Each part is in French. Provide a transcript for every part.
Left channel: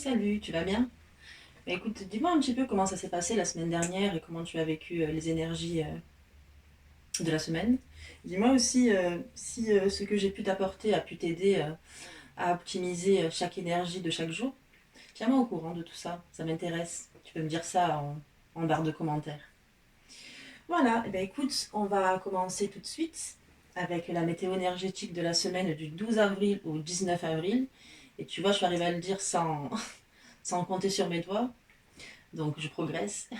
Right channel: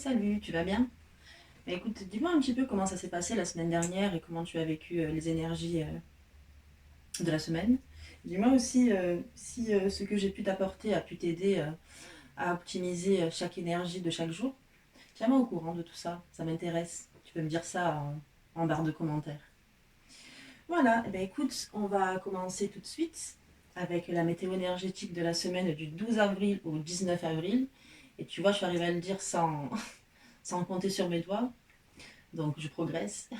Salut, tu vas bien? Bah, écoute, dis-moi un petit peu comment ça s'est passé la semaine dernière et comment tu as vécu les énergies de la semaine. Dis-moi aussi si ce que j'ai pu t'apporter a pu t'aider à optimiser chaque énergie de chaque jour. Tiens-moi au courant de tout ça, ça m'intéresse. Tu peux me dire ça en barre de commentaires. Voilà, et ben écoute, on va commencer tout de suite avec la météo énergétique de la semaine du 12 avril au 19 avril. Et tu vois, je vais arriver à le dire sans compter sur mes doigts. Donc je progresse.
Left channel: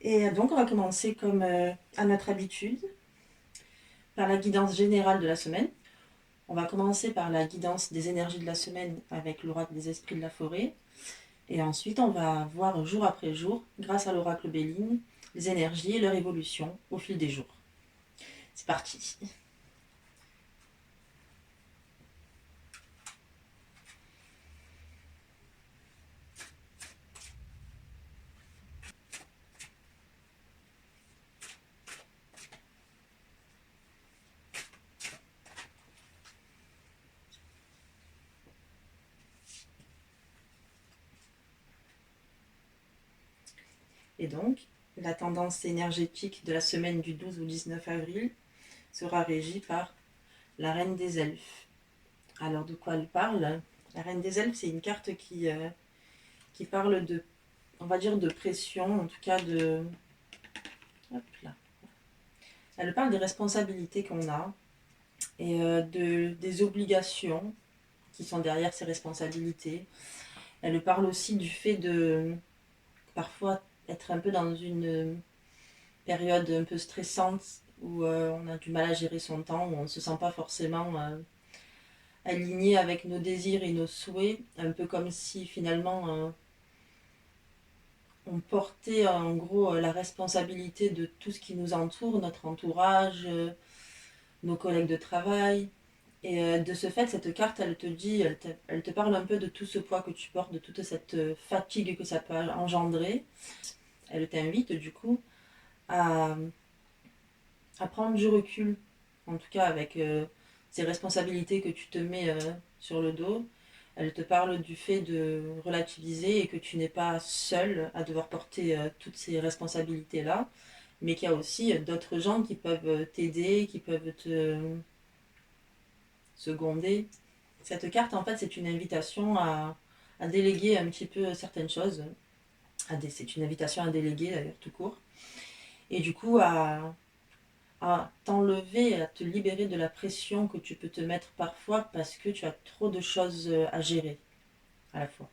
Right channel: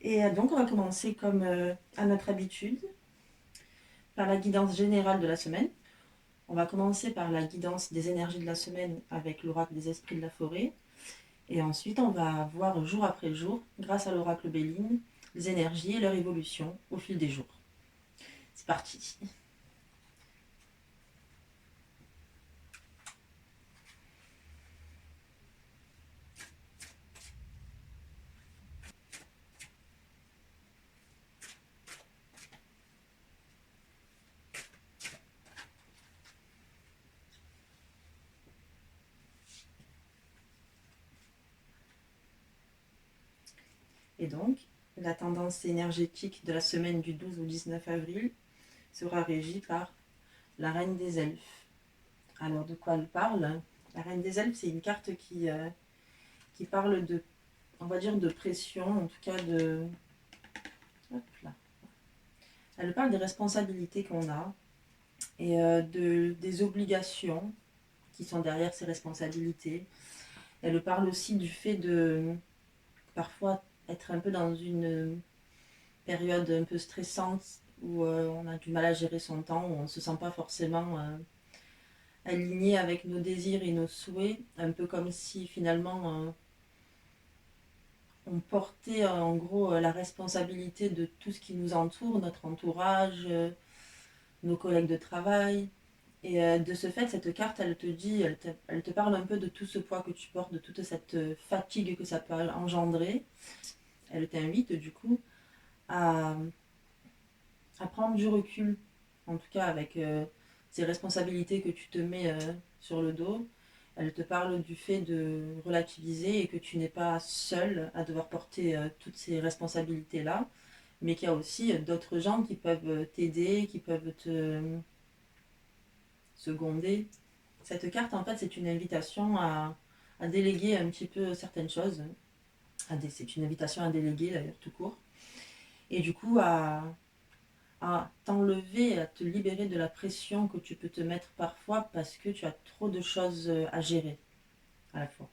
Et donc on va commencer comme à notre habitude par la guidance générale de la semaine. On va commencer par la guidance des énergies de la semaine avec l'oracle des esprits de la forêt. Et ensuite on va voir jour après jour, grâce à l'oracle Béline, les énergies et leur évolution au fil des jours. C'est parti. Et donc, la tendance énergétique de la semaine du 12 au 19 avril sera régie par la reine des elfes. Alors de quoi elle parle? La reine des elfes, c'est une carte qui parle de, on va dire, de pression, en tout cas de... Hop là. Elle parle des responsabilités qu'on a et des obligations qui sont derrière ces responsabilités. Elle parle aussi du fait de parfois être un peu dans une période un peu stressante où on a du mal à gérer son temps, où on ne se sent pas forcément aligné avec nos désirs et nos souhaits, un peu comme si finalement on portait en gros la responsabilité de tout ce qui nous entoure, notre entourage, nos collègues de travail. Et de ce fait, cette carte, elle te dit, elle te parle un peu de tout ce poids que tu portes, de toute cette fatigue que ça peut engendrer. Elle t'invite du coup à, à prendre du recul, en tout cas avec ces responsabilités que tu te mets sur le dos. Elle te parle du fait de relativiser et que tu n'es pas seul à devoir porter toutes ces responsabilités-là, mais qu'il y a aussi d'autres gens qui peuvent t'aider, qui peuvent te seconder. Cette carte, en fait, c'est une invitation à déléguer un petit peu certaines choses. C'est une invitation à déléguer, d'ailleurs, tout court. Et du coup, à t'enlever, à te libérer de la pression que tu peux te mettre parfois parce que tu as trop de choses à gérer à la fois.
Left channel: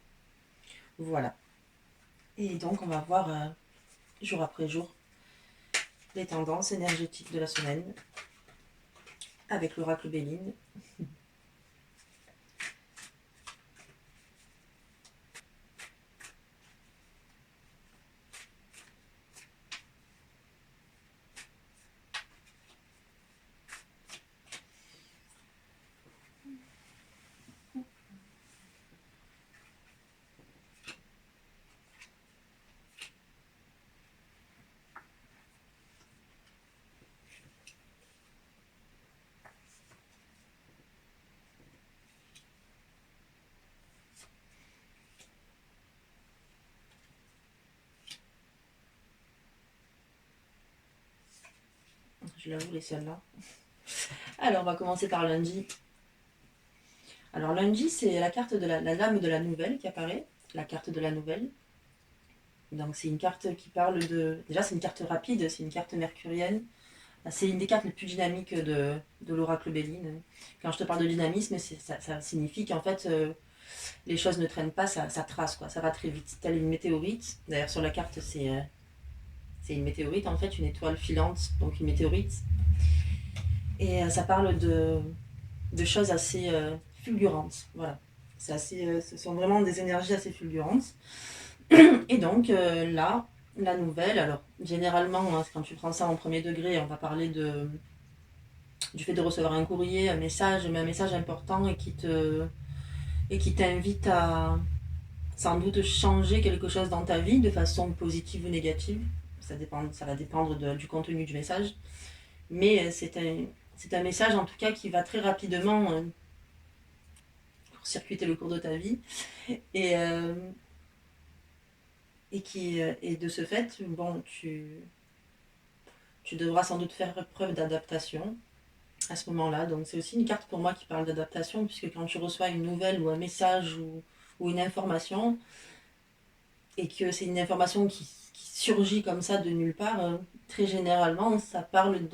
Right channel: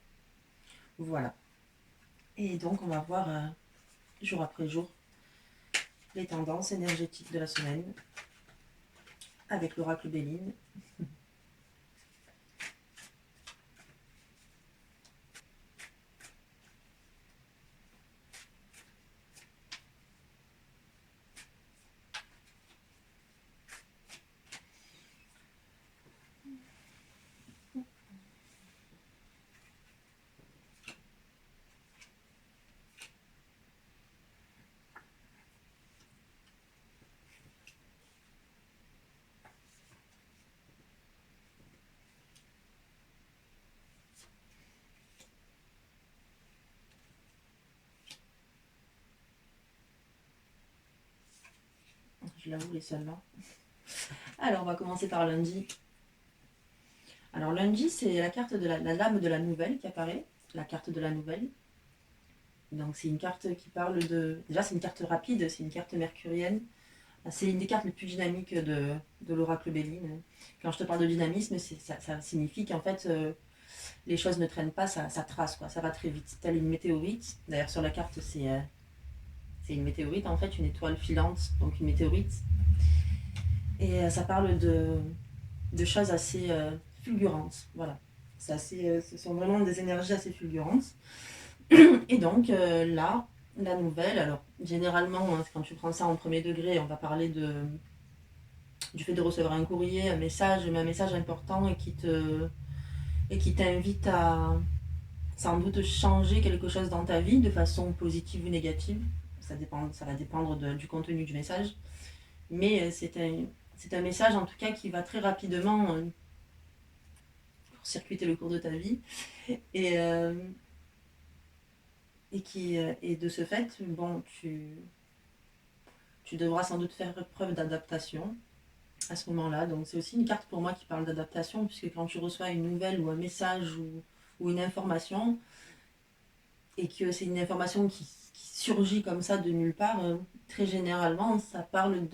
Voilà. Et donc, on va voir jour après jour les tendances énergétiques de la semaine avec l'oracle Béline. Je l'avoue, les celles-là. Alors, on va commencer par lundi. Alors, lundi, c'est la carte de la lame de la nouvelle qui apparaît. La carte de la nouvelle. Donc, c'est une carte qui parle de... Déjà, c'est une carte rapide, c'est une carte mercurienne. C'est une des cartes les plus dynamiques de l'oracle Béline. Quand je te parle de dynamisme, ça signifie qu'en fait, les choses ne traînent pas, ça trace, quoi. Ça va très vite. Telle une météorite. D'ailleurs, sur la carte, c'est une météorite, en fait, une étoile filante, donc une météorite. Et ça parle de choses assez fulgurantes. Voilà. Ce sont vraiment des énergies assez fulgurantes. Et donc, là, la nouvelle, alors, généralement, hein, quand tu prends ça en premier degré, on va parler du fait de recevoir un courrier, un message, mais un message important et qui t'invite à sans doute changer quelque chose dans ta vie de façon positive ou négative. Ça va dépendre du contenu du message. Mais c'est un message en tout cas qui va très rapidement court-circuiter le cours de ta vie. Et, et de ce fait, bon, tu devras sans doute faire preuve d'adaptation à ce moment-là. Donc c'est aussi une carte pour moi qui parle d'adaptation, puisque quand tu reçois une nouvelle ou un message ou une information, et que c'est une information qui surgit comme ça de nulle part, très généralement, ça parle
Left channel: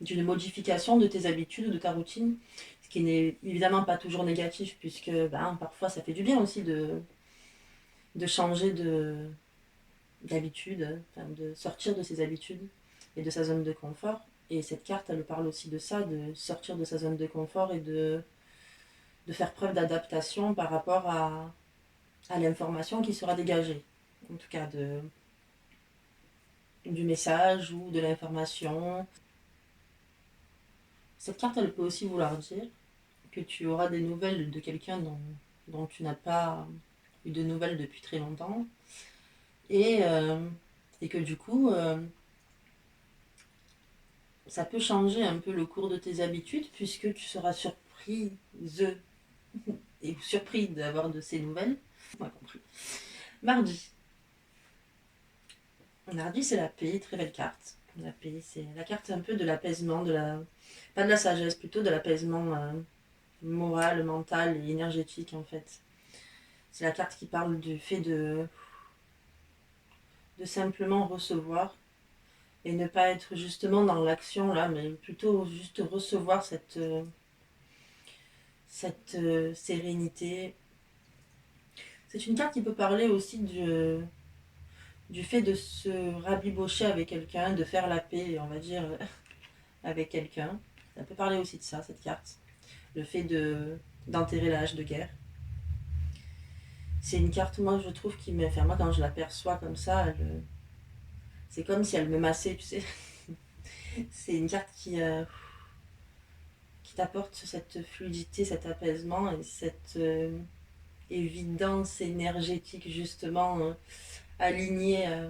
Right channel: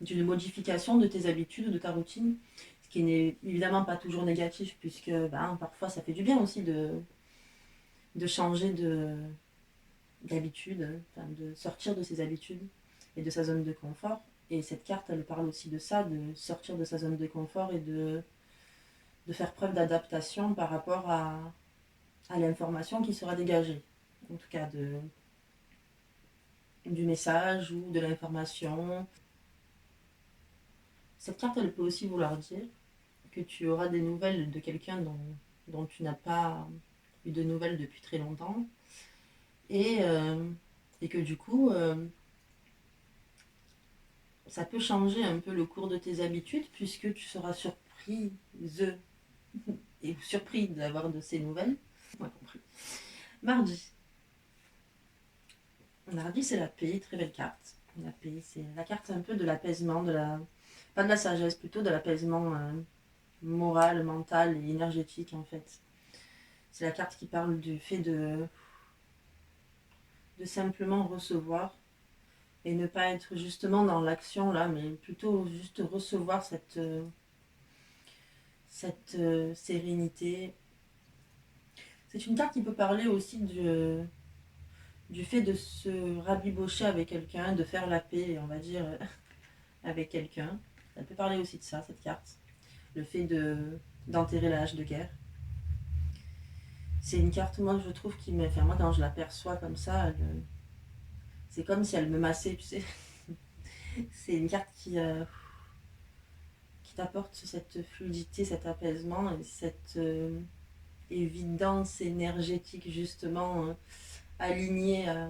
d'une modification de tes habitudes ou de ta routine, ce qui n'est évidemment pas toujours négatif, puisque ben, parfois ça fait du bien aussi de changer d'habitude, enfin, de sortir de ses habitudes et de sa zone de confort. Et cette carte, elle parle aussi de ça, de sortir de sa zone de confort et de faire preuve d'adaptation par rapport à l'information qui sera dégagée. En tout cas, du message ou de l'information. Cette carte, elle peut aussi vouloir dire que tu auras des nouvelles de quelqu'un dont tu n'as pas eu de nouvelles depuis très longtemps. Et que du coup, ça peut changer un peu le cours de tes habitudes puisque tu seras surprise et surpris d'avoir de ces nouvelles. On a compris. Mardi. Mardi, c'est la paix, très belle carte. La paix, c'est la carte un peu de l'apaisement, pas de la sagesse, plutôt de l'apaisement moral, mental et énergétique en fait. C'est la carte qui parle du fait de simplement recevoir et ne pas être justement dans l'action là, mais plutôt juste recevoir cette sérénité. C'est une carte qui peut parler aussi du fait de se rabibocher avec quelqu'un, de faire la paix, on va dire, avec quelqu'un. Ça peut parler aussi de ça, cette carte. Le fait d'enterrer la hache de guerre. C'est une carte, moi, je trouve, enfin, moi, quand je l'aperçois comme ça, c'est comme si elle me massait, tu sais. C'est une carte qui t'apporte cette fluidité, cet apaisement et cette évidence énergétique, justement, alignée à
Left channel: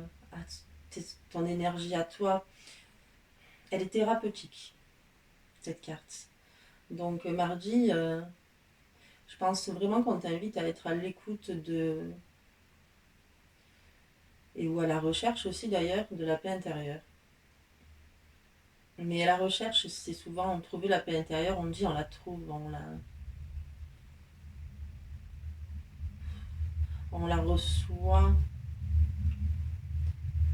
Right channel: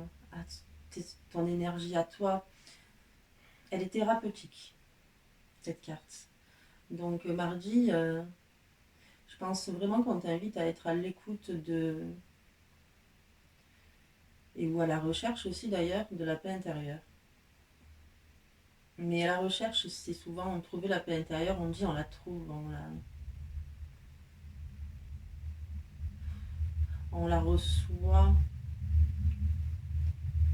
ton énergie à toi. Elle est thérapeutique, cette carte. Donc, mardi, je pense vraiment qu'on t'invite à être à l'écoute ou à la recherche aussi d'ailleurs de la paix intérieure. Mais la recherche, c'est souvent trouver la paix intérieure, on dit on la trouve, on la reçoit.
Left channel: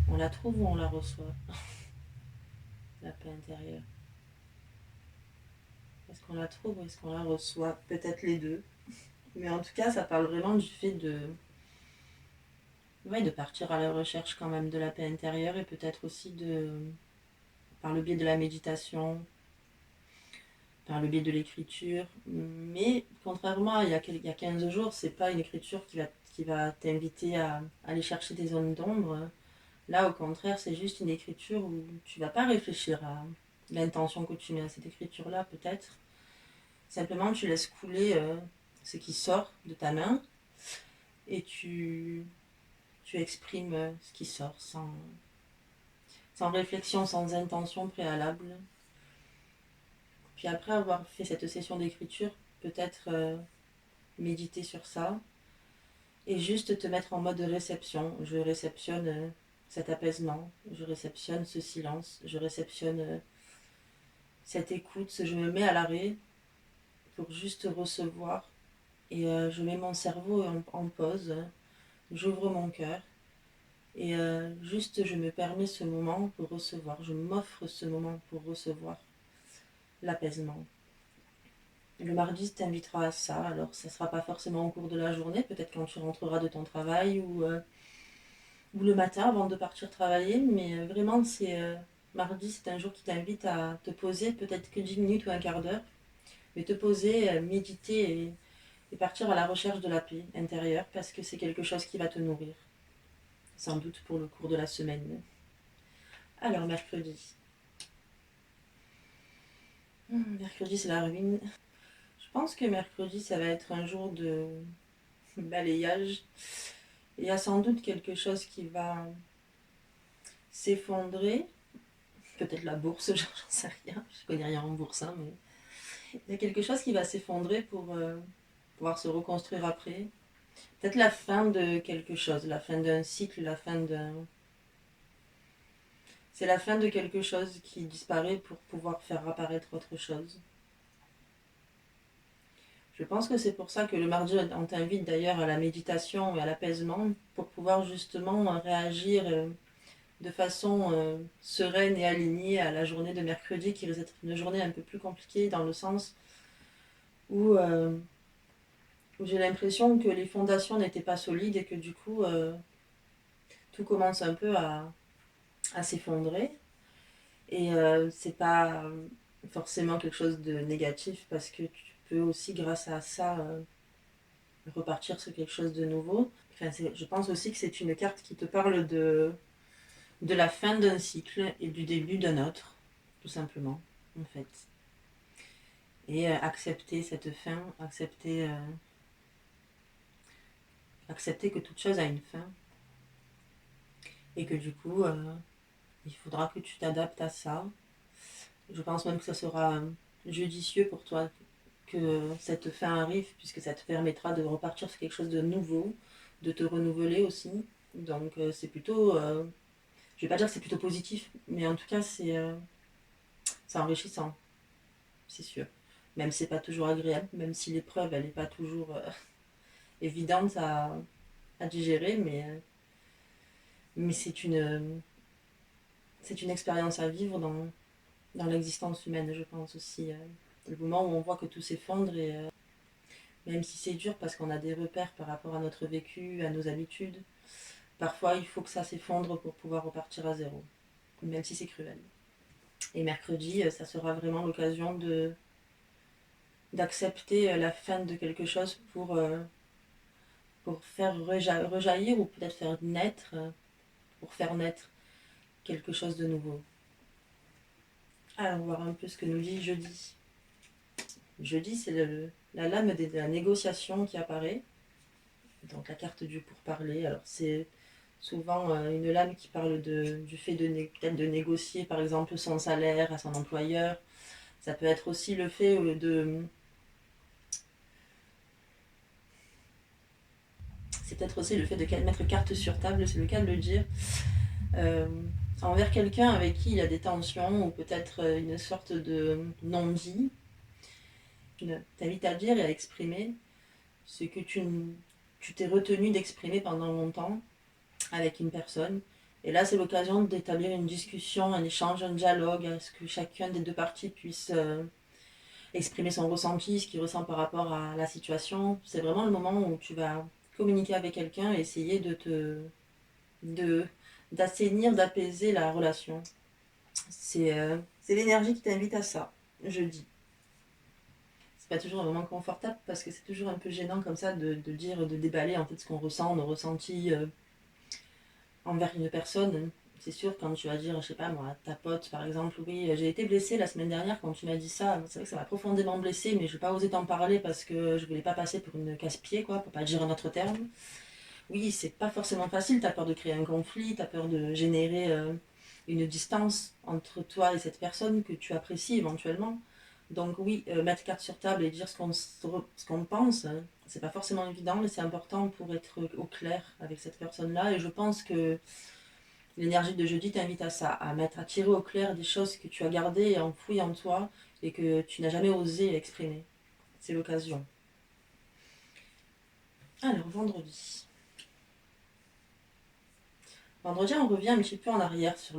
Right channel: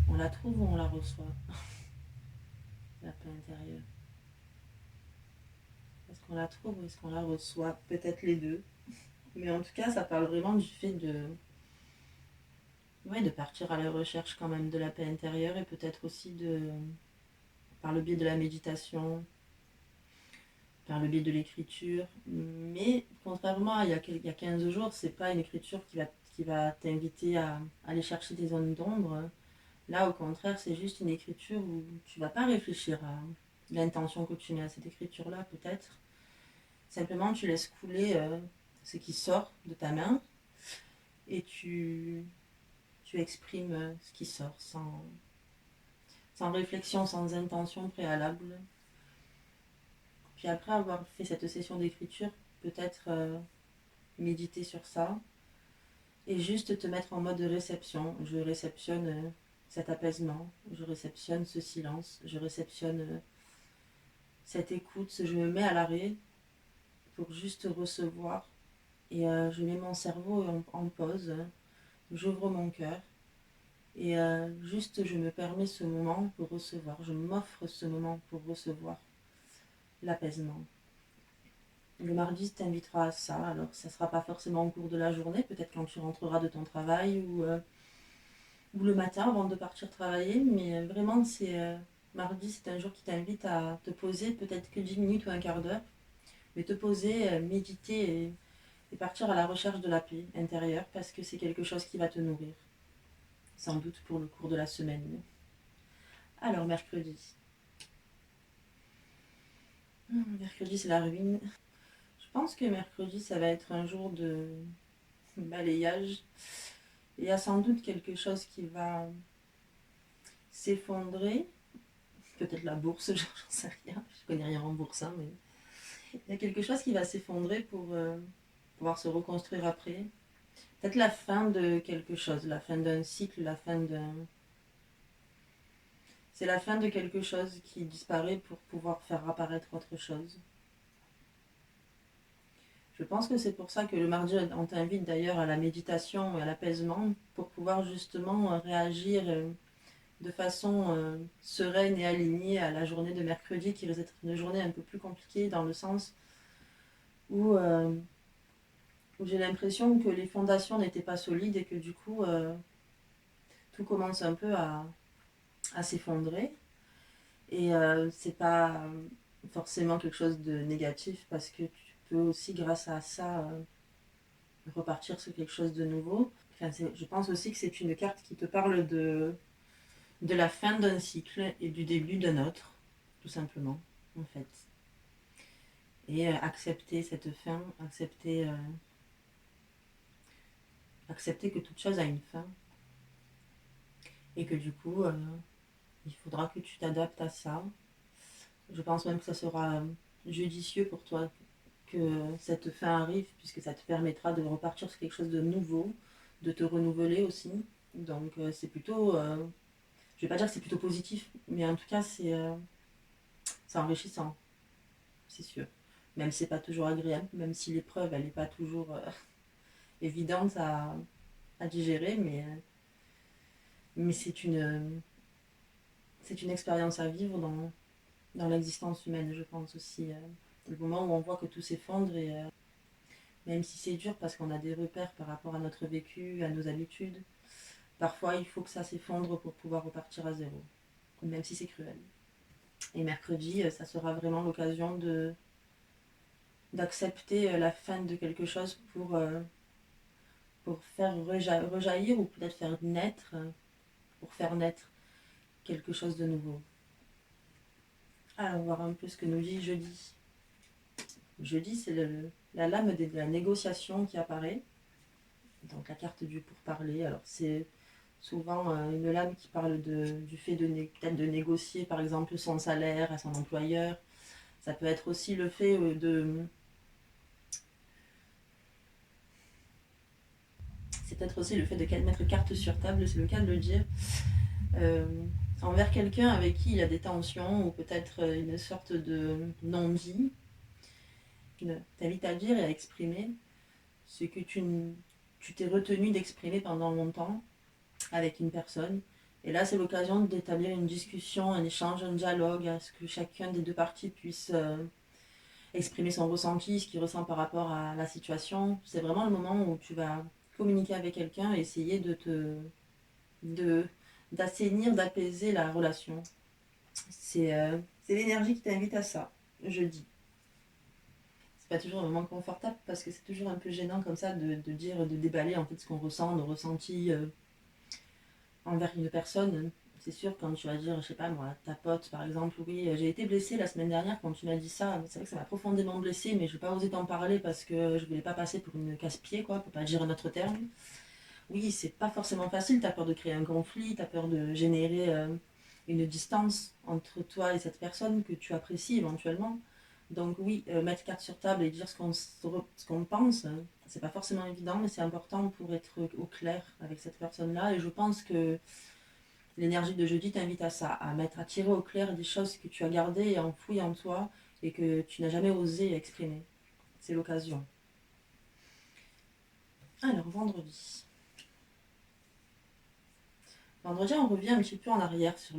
On la trouve ou on la reçoit, la paix intérieure. Est-ce qu'on la trouve ou est-ce qu'on la reçoit? Peut-être les deux. Mais en tout cas, ça parle vraiment du fait de partir à la recherche quand même de la paix intérieure et peut-être aussi par le biais de la méditation, par le biais de l'écriture. Mais contrairement à il y a 15 jours, c'est pas une écriture qui va t'inviter à aller chercher des zones d'ombre. Là, au contraire, c'est juste une écriture où tu vas pas réfléchir à l'intention que tu mets à cette écriture-là, peut-être. Simplement, tu laisses couler ce qui sort de ta main et tu exprimes ce qui sort sans réflexion, sans intention préalable. Puis après avoir fait cette session d'écriture, peut-être méditer sur ça et juste te mettre en mode réception. Je réceptionne cet apaisement, je réceptionne ce silence, je réceptionne cette écoute, je me mets à l'arrêt pour juste recevoir et je mets mon cerveau en pause, j'ouvre mon cœur et juste je me permets ce moment pour recevoir, je m'offre ce moment pour recevoir l'apaisement. Le mardi t'invitera à ça, alors ça ne sera pas forcément au cours de la journée, peut-être quand tu rentreras de ton travail ou le matin avant de partir travailler, mais vraiment mardi c'est un jour qui t'invite à te poser peut-être que 10 minutes ou un quart d'heure, mais te poser, méditer et partir à la recherche de la paix intérieure parce que c'est quelque chose qui va te nourrir, sans doute pour le cours de la semaine. Alors mercredi. Mercredi c'est la ruine. Je pense que mercredi ça va être un jour de balayage. Il y a sans doute quelque chose qui va s'effondrer. Peut-être la bourse, j'en sais rien. Je connais rien en bourse, hein, mais il y a quelque chose qui va s'effondrer pour pouvoir se reconstruire après. Peut-être la fin de quelque chose, la fin d'un cycle, la fin d'un... C'est la fin de quelque chose qui disparaît pour pouvoir faire apparaître autre chose. Je pense que c'est pour ça que le mardi, on t'invite d'ailleurs à la méditation et à l'apaisement pour pouvoir justement réagir de façon sereine et alignée à la journée de mercredi qui risque d'être une journée un peu plus compliquée dans le sens où, où j'ai l'impression que les fondations n'étaient pas solides et que du coup tout commence un peu à s'effondrer. Et c'est pas forcément quelque chose de négatif parce que tu peux aussi grâce à ça repartir sur quelque chose de nouveau. Enfin, je pense aussi que c'est une carte qui te parle de la fin d'un cycle et du début d'un autre, tout simplement, en fait. Et accepter cette fin, accepter que toute chose a une fin et que du coup, il faudra que tu t'adaptes à ça. Je pense même que ça sera judicieux pour toi que cette fin arrive, puisque ça te permettra de repartir sur quelque chose de nouveau, de te renouveler aussi. Donc c'est plutôt, je vais pas dire que c'est plutôt positif, mais en tout cas c'est enrichissant, c'est sûr. Même si c'est pas toujours agréable, même si l'épreuve elle n'est pas toujours évidente à digérer, mais c'est une expérience à vivre dans l'existence humaine, je pense aussi. Le moment où on voit que tout s'effondre et même si c'est dur parce qu'on a des repères par rapport à notre vécu, à nos habitudes, parfois il faut que ça s'effondre pour pouvoir repartir à zéro, même si c'est cruel. Et mercredi, ça sera vraiment l'occasion d'accepter la fin de quelque chose pour faire rejaillir ou peut-être faire naître, pour faire naître quelque chose de nouveau. Allons voir un peu ce que nous dit jeudi. Jeudi, c'est la lame de la négociation qui apparaît. Donc la carte du pourparler. Alors c'est souvent une lame qui parle du fait peut-être de négocier par exemple son salaire à son employeur. Ça peut être aussi le fait c'est peut-être aussi le fait de mettre carte sur table, c'est le cas de le dire, euh, envers quelqu'un avec qui il a des tensions ou peut-être une sorte de non-dit. Je t'invite à dire et à exprimer ce que tu t'es retenu d'exprimer pendant longtemps avec une personne. Et là, c'est l'occasion d'établir une discussion, un échange, un dialogue, à ce que chacun des deux parties puisse exprimer son ressenti, ce qu'il ressent par rapport à la situation. C'est vraiment le moment où tu vas communiquer avec quelqu'un et essayer de d'assainir, d'apaiser la relation. C'est l'énergie qui t'invite à ça, jeudi. C'est pas toujours vraiment confortable parce que c'est toujours un peu gênant comme ça de dire, de déballer en fait ce qu'on ressent, nos ressentis envers une personne. C'est sûr, quand tu vas dire, je sais pas moi, ta pote par exemple, oui, j'ai été blessée la semaine dernière quand tu m'as dit ça. C'est vrai que ça m'a profondément blessée, mais je vais pas osé t'en parler parce que je voulais pas passer pour une casse-pied, quoi, pour pas dire un autre terme. Oui, c'est pas forcément facile, t'as peur de créer un conflit, t'as peur de générer une distance entre toi et cette personne que tu apprécies éventuellement. Donc oui, mettre carte sur table et dire ce qu'on pense, c'est pas forcément évident, mais c'est important pour être au clair avec cette personne-là. Et je pense que l'énergie de jeudi t'invite à ça, à tirer au clair des choses que tu as gardées et enfouies en toi et que tu n'as jamais osé exprimer. C'est l'occasion. Alors, vendredi. Vendredi, on revient un petit peu en arrière sur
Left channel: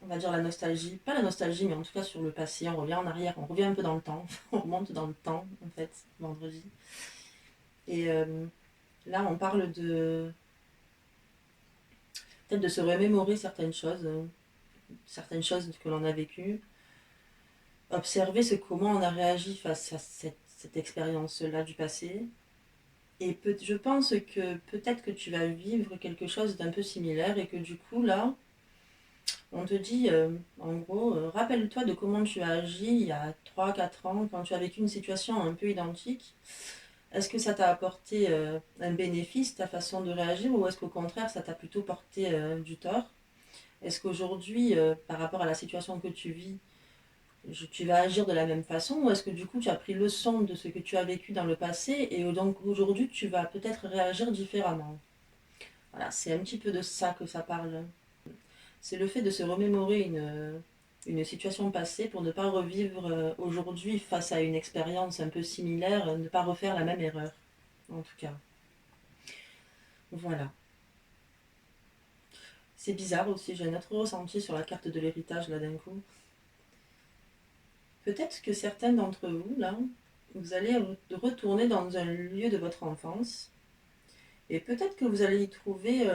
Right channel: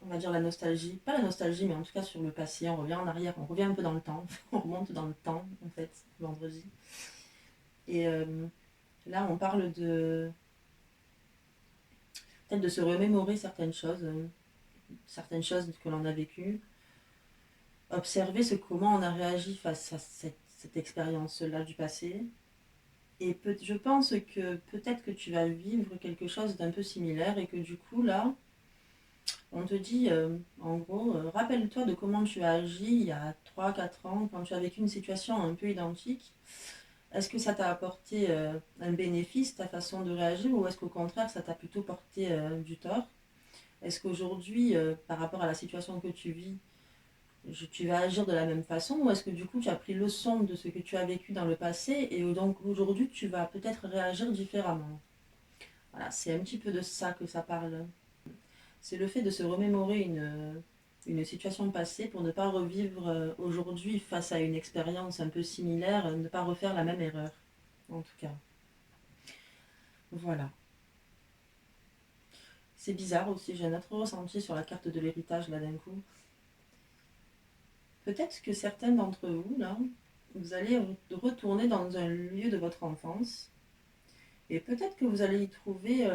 on va dire la nostalgie. Pas la nostalgie, mais en tout cas sur le passé. On revient en arrière, on revient un peu dans le temps. On remonte dans le temps, en fait, vendredi. Et là, on parle peut-être de se remémorer certaines choses que l'on a vécues. Observer comment on a réagi face à cette expérience-là du passé. Et je pense que peut-être que tu vas vivre quelque chose d'un peu similaire et que du coup, là, on te dit, en gros, rappelle-toi de comment tu as agi il y a 3 4 ans quand tu as vécu une situation un peu identique. Est-ce que ça t'a apporté un bénéfice, ta façon de réagir, ou est-ce qu'au contraire, ça t'a plutôt porté du tort? Est-ce qu'aujourd'hui, par rapport à la situation que tu vis, tu vas agir de la même façon ou est-ce que du coup tu as pris leçon de ce que tu as vécu dans le passé et donc aujourd'hui tu vas peut-être réagir différemment. Voilà, c'est un petit peu de ça que ça parle. C'est le fait de se remémorer une situation passée pour ne pas revivre aujourd'hui face à une expérience un peu similaire, ne pas refaire la même erreur, en tout cas. Voilà. C'est bizarre aussi, j'ai un autre ressenti sur la carte de l'héritage là d'un coup. Peut-être que certains d'entre vous, là, vous allez retourner dans un lieu de votre enfance et peut-être que vous allez y trouver,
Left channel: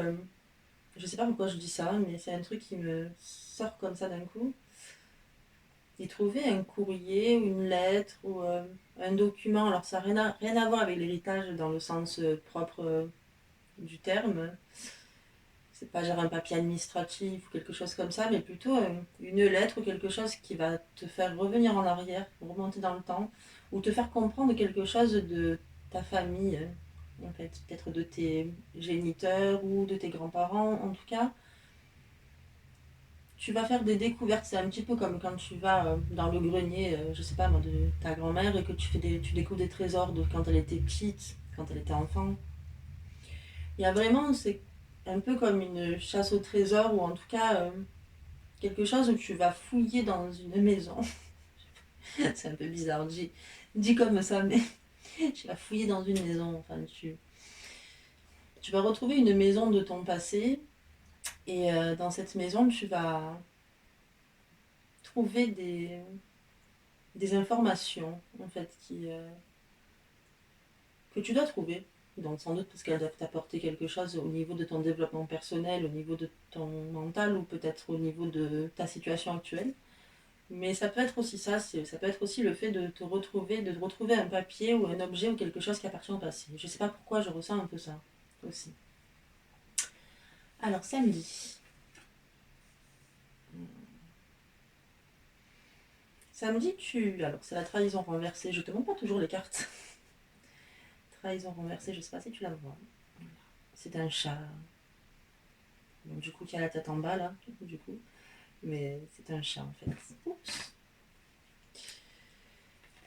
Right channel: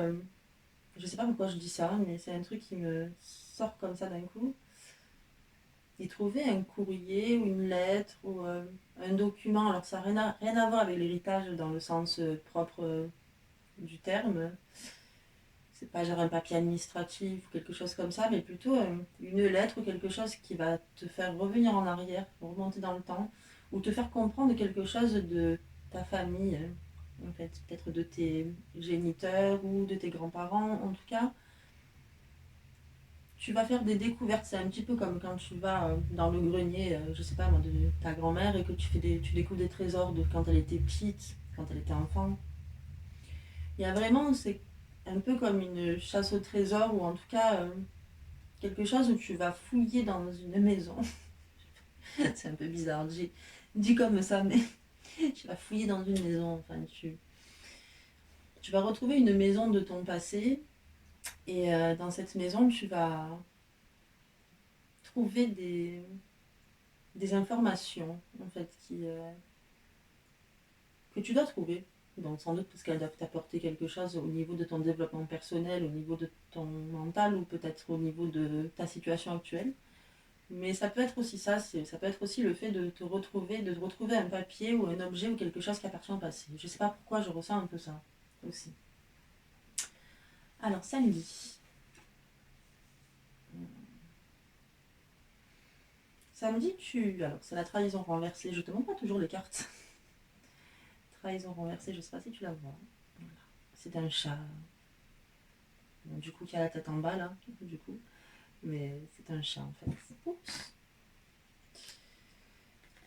je sais pas pourquoi je dis ça, mais c'est un truc qui me sort comme ça d'un coup, y trouver un courrier ou une lettre ou un document. Alors ça n'a rien à voir avec l'héritage dans le sens propre du terme. C'est pas genre un papier administratif ou quelque chose comme ça, mais plutôt une lettre ou quelque chose qui va te faire revenir en arrière, remonter dans le temps, ou te faire comprendre quelque chose de ta famille, en fait, peut-être de tes géniteurs ou de tes grands-parents, en tout cas. Tu vas faire des découvertes, c'est un petit peu comme quand tu vas dans le grenier, je sais pas moi, de ta grand-mère et que tu découvres des trésors de quand elle était petite, quand elle était enfant. Il y a vraiment, c'est un peu comme une chasse au trésor ou en tout cas quelque chose où tu vas fouiller dans une maison. C'est un peu bizarre, dit comme ça, mais tu vas fouiller dans une maison. Enfin, tu vas retrouver une maison de ton passé et dans cette maison, tu vas trouver des informations en fait que tu dois trouver. Donc sans doute parce qu'elles doivent t'apporter quelque chose au niveau de ton développement personnel, au niveau de ton mental ou peut-être au niveau de ta situation actuelle. Mais ça peut être aussi ça, ça peut être aussi le fait de te retrouver un papier ou un objet ou quelque chose qui appartient au passé. Je sais pas pourquoi je ressens un peu ça aussi. Alors samedi. Samedi, alors c'est la trahison renversée. Je te montre pas toujours les cartes. Trahison renversée, je sais pas si tu la vois. Voilà. C'est un chat. Bon, du coup, qui a la tête en bas là, du coup. Mais c'est un chat en fait. Oups.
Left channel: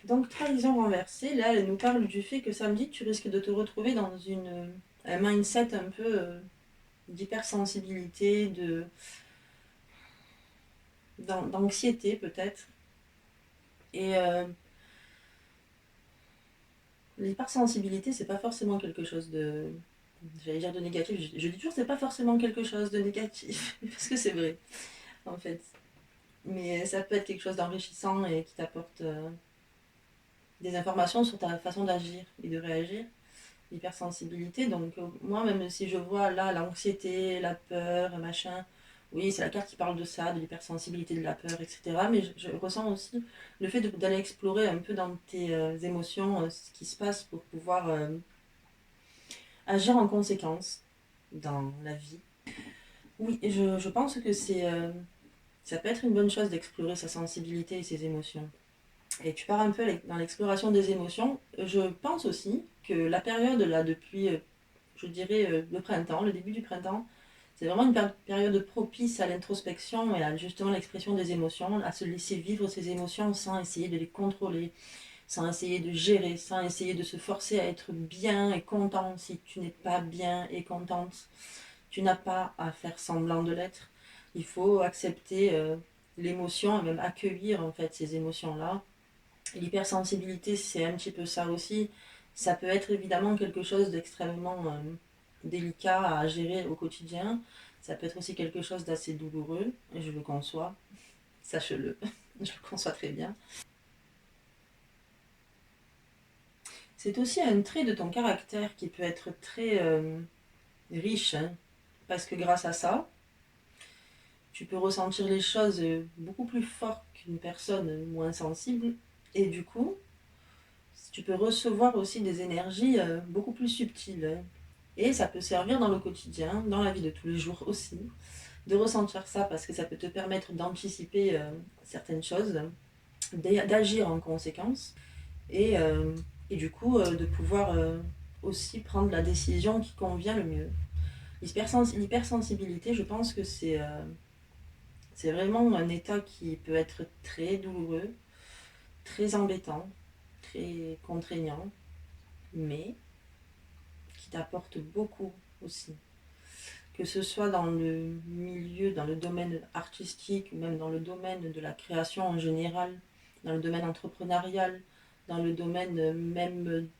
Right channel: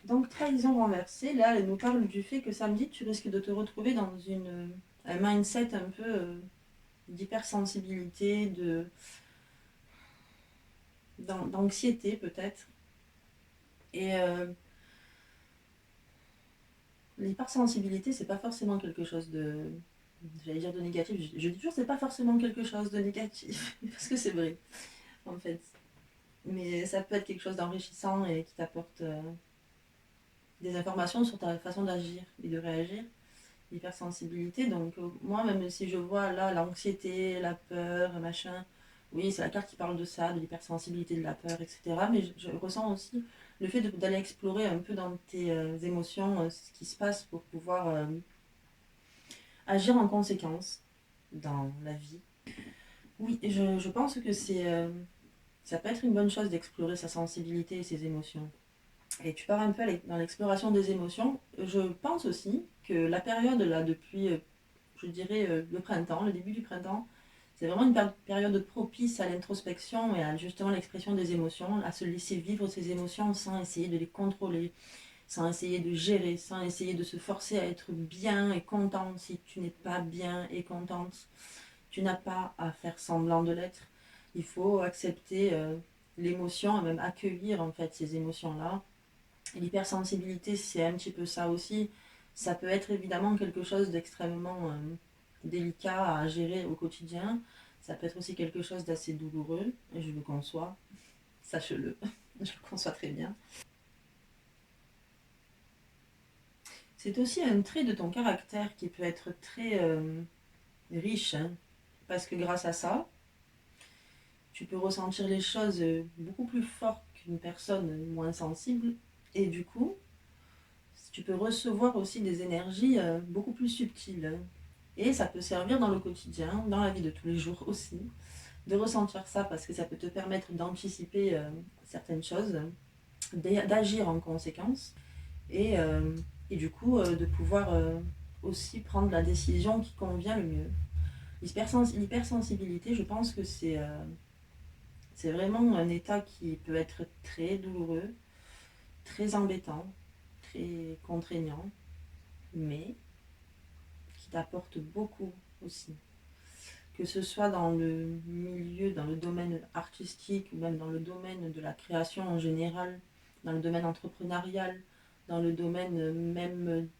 Donc trahison renversée, là, elle nous parle du fait que samedi, tu risques de te retrouver dans un mindset un peu d'hypersensibilité, d'anxiété peut-être. Et l'hypersensibilité, c'est pas forcément quelque chose de. J'allais dire de négatif, je dis toujours c'est pas forcément quelque chose de négatif, parce que c'est vrai, en fait. Mais ça peut être quelque chose d'enrichissant et qui t'apporte des informations sur ta façon d'agir et de réagir. L'hypersensibilité, donc moi, même si je vois là l'anxiété, la peur, machin, oui, c'est la carte qui parle de ça, de l'hypersensibilité, de la peur, etc. Mais je ressens aussi le fait d'aller explorer un peu dans tes émotions ce qui se passe pour pouvoir agir en conséquence dans la vie. Oui, je pense que ça peut être une bonne chose d'explorer sa sensibilité et ses émotions. Et tu pars un peu dans l'exploration des émotions. Je pense aussi que la période là depuis, je dirais, le printemps, le début du printemps, c'est vraiment une période propice à l'introspection et à justement l'expression des émotions, à se laisser vivre ses émotions sans essayer de les contrôler, sans essayer de gérer, sans essayer de se forcer à être bien et content si tu n'es pas bien et contente. Tu n'as pas à faire semblant de l'être. Il faut accepter l'émotion et même accueillir en fait ces émotions-là. L'hypersensibilité, c'est un petit peu ça aussi. Ça peut être évidemment quelque chose d'extrêmement délicat à gérer au quotidien. Ça peut être aussi quelque chose d'assez douloureux, et je le conçois, sache-le, je le conçois très bien. C'est aussi un trait de ton caractère qui peut être très riche, hein, parce que grâce à ça, tu peux ressentir les choses beaucoup plus fort qu'une personne moins sensible, et du coup, tu peux recevoir aussi des énergies beaucoup plus subtiles. Et ça peut servir dans le quotidien, dans la vie de tous les jours aussi, de ressentir ça parce que ça peut te permettre d'anticiper certaines choses, d'agir en conséquence et, et du coup de pouvoir aussi prendre la décision qui convient le mieux. L'hypersensibilité, je pense que C'est vraiment un état qui peut être très douloureux, très embêtant, très contraignant, mais qui t'apporte beaucoup aussi. Que ce soit dans le milieu, dans le domaine artistique ou même dans le domaine de la création en général, dans le domaine entrepreneurial, dans le domaine même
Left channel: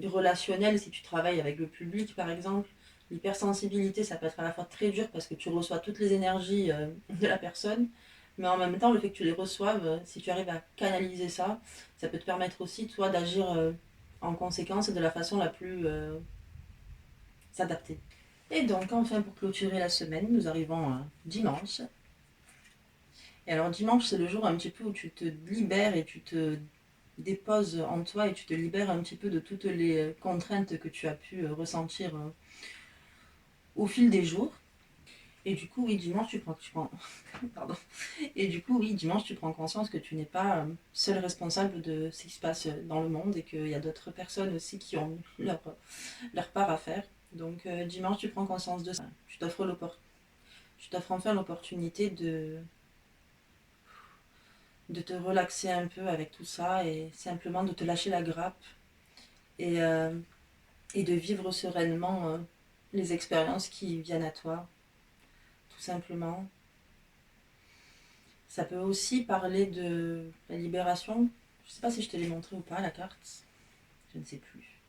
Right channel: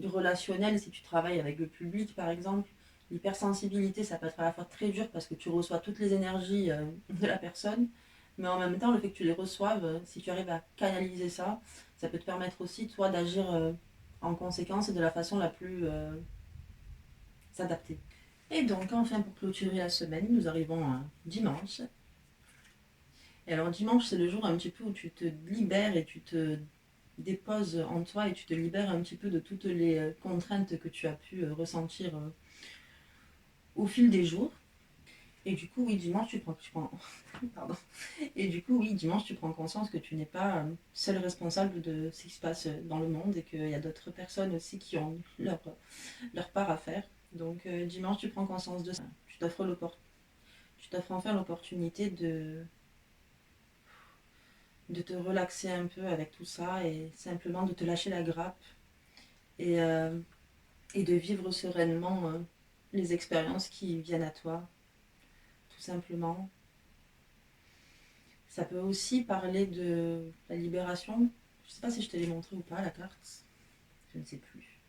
relationnel, si tu travailles avec le public par exemple. L'hypersensibilité, ça peut être à la fois très dur parce que tu reçois toutes les énergies de la personne, mais en même temps, le fait que tu les reçoives, si tu arrives à canaliser ça, ça peut te permettre aussi, toi, d'agir en conséquence et de la façon la plus s'adapter. Et donc, enfin, pour clôturer la semaine, nous arrivons à dimanche. Et alors, dimanche, c'est le jour un petit peu où tu te libères et tu te déposes en toi et tu te libères un petit peu de toutes les contraintes que tu as pu ressentir au fil des jours. Et du coup, oui, dimanche, pardon. Et du coup, oui, dimanche, tu prends conscience que tu n'es pas seul responsable de ce qui se passe dans le monde et qu'il y a d'autres personnes aussi qui ont leur part à faire. Donc, dimanche, tu prends conscience de ça. Tu t'offres enfin l'opportunité de te relaxer un peu avec tout ça et simplement de te lâcher la grappe et, euh, et de vivre sereinement les expériences qui viennent à toi, tout simplement. Ça peut aussi parler de la libération. Je ne sais pas si je te l'ai montré ou pas, la carte. Je ne sais plus.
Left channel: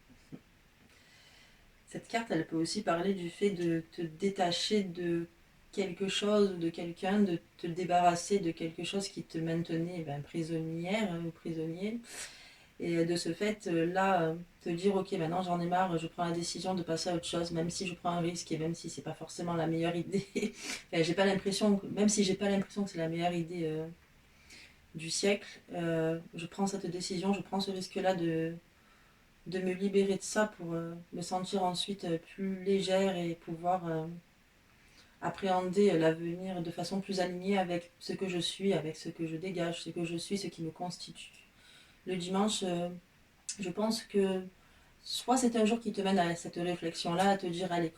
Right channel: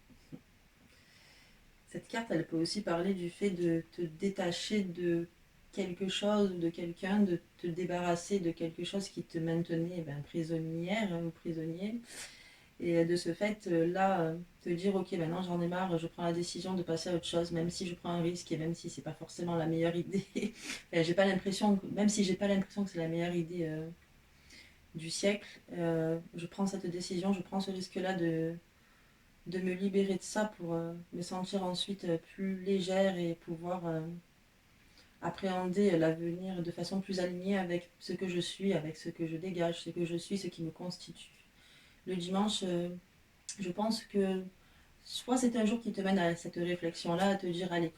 Cette carte, elle peut aussi parler du fait de te détacher de quelque chose ou de quelqu'un, de te débarrasser de quelque chose qui te maintenait prisonnière ou prisonnier. Et de ce fait, là, te dire, ok, maintenant j'en ai marre, je prends la décision de passer à autre chose, même si je prends un risque et même si c'est pas forcément la meilleure idée. Enfin, j'ai pas l'impression, même si j'ai pas l'impression que c'est la meilleure idée du siècle, je prends cette décision, je prends ce risque-là de me libérer de ça pour me sentir ensuite plus légère et pouvoir appréhender l'avenir de façon plus alignée avec ce que je suis, avec ce que je dégage, ce que je suis, ce qui me constitue. Le dimanche, je pense que soit c'est un jour qui te mène à cette réflexion-là, à te dire, allez,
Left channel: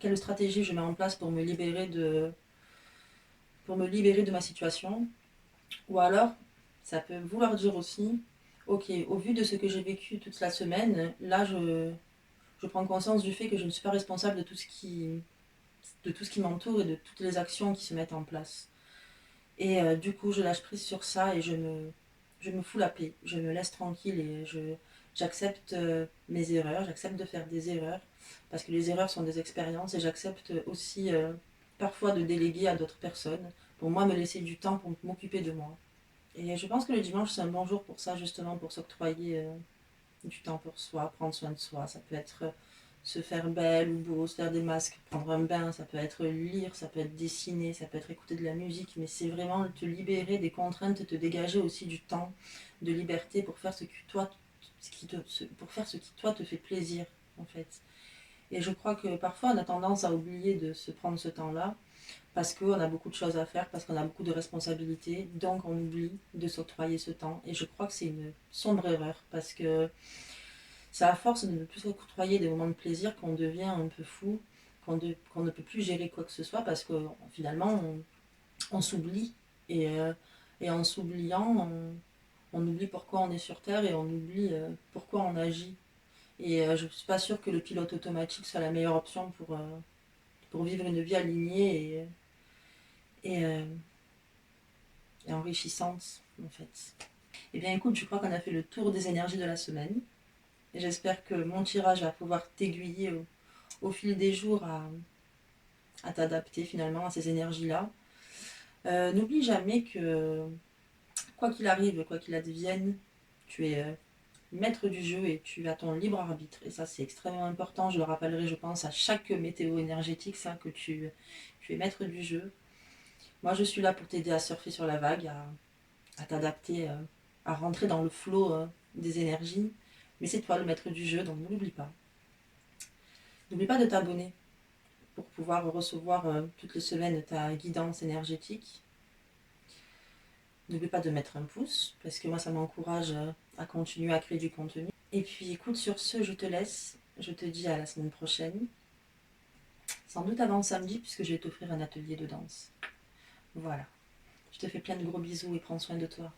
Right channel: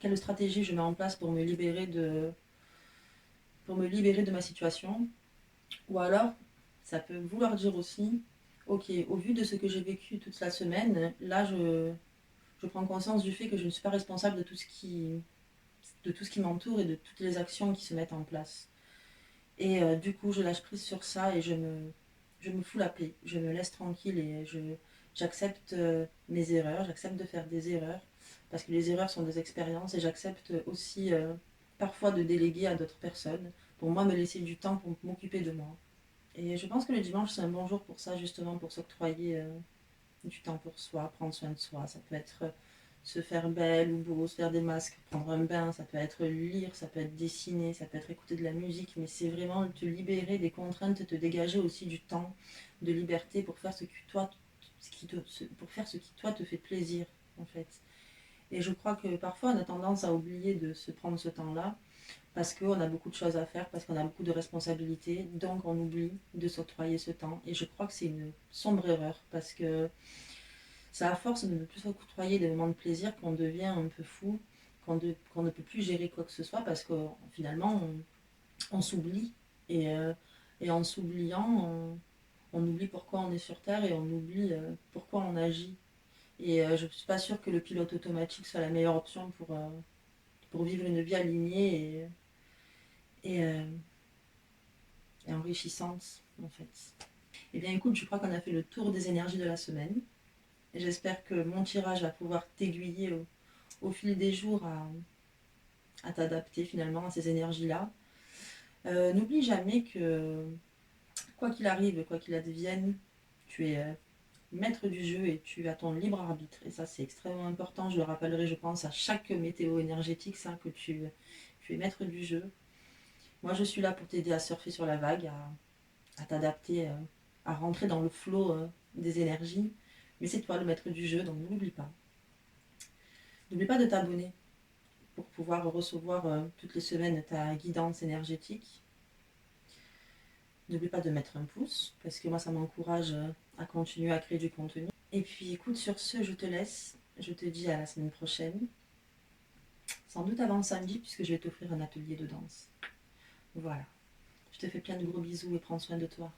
quelle stratégie je mets en place pour me libérer de ma situation, ou alors ça peut vouloir dire aussi, ok, au vu de ce que j'ai vécu toute la semaine, là je prends conscience du fait que je ne suis pas responsable de tout ce qui m'entoure et de toutes les actions qui se mettent en place. Et du coup, je lâche prise sur ça et je me fous la paix. Je me laisse tranquille et j'accepte mes erreurs, j'accepte de faire des erreurs parce que les erreurs sont des expériences et j'accepte aussi parfois de déléguer à d'autres personnes pour moi me laisser du temps pour m'occuper de moi. Et je pense que le dimanche, c'est un bon jour pour ça, justement, pour s'octroyer du temps pour soi, prendre soin de soi. Ça peut être se faire belle ou beau, se faire des masques, prendre un bain, ça peut être lire, ça peut être dessiner, ça peut être écouter de la musique, mais c'est vraiment te libérer des contraintes, te dégager aussi du temps de liberté pour faire pour faire ce qui toi te fait plaisir en fait. Et je crois que parfois on a tendance à oublier de se prendre ce temps-là parce qu'on a beaucoup de choses à faire, parce qu'on a beaucoup de responsabilités, donc on oublie de s'octroyer ce temps. Et je crois que c'est une sombre erreur parce que c'est à force de ne plus s'octroyer des moments de plaisir qu'on devient un peu fou, qu'on ne peut plus gérer quoi que ce soit parce que finalement on s'oublie. Et, euh, et en s'oubliant, on oublie pourquoi on est sur Terre et on oublie pourquoi on agit. Et je ne suis pas sûre que le pilote automatique soit la meilleure option pour vivre une vie alignée et, euh, et enrichissante en fait. Eh bien écoute, je crois qu'on a fait le tour des énergies de la semaine. Et j'espère que mon tirage va pouvoir t'aiguiller au fil des jours à t'adapter finalement à ces énergies-là. N'oublie jamais que quoi qu'il arrive, quoi qu'il advienne, tu es maître du jeu et tu as ton libre arbitre. Et ça, c'est extrêmement important. Je le rappellerai, je pense, à chaque météo énergétique, ça, que tu es maître du jeu. Moi, je suis là pour t'aider à surfer sur la vague, à t'adapter, à rentrer dans le flot des énergies. Mais c'est toi le maître du jeu, donc ne l'oublie pas. N'oublie pas de t'abonner pour pouvoir recevoir toutes les semaines ta guidance énergétique. N'oublie pas de mettre un pouce, parce que moi, ça m'encourage à continuer à créer du contenu. Et puis, écoute, sur ce, je te laisse. Je te dis à la semaine prochaine. Sans doute avant samedi, puisque je vais t'offrir un atelier de danse. Voilà. Je te fais plein de gros bisous et prends soin de toi.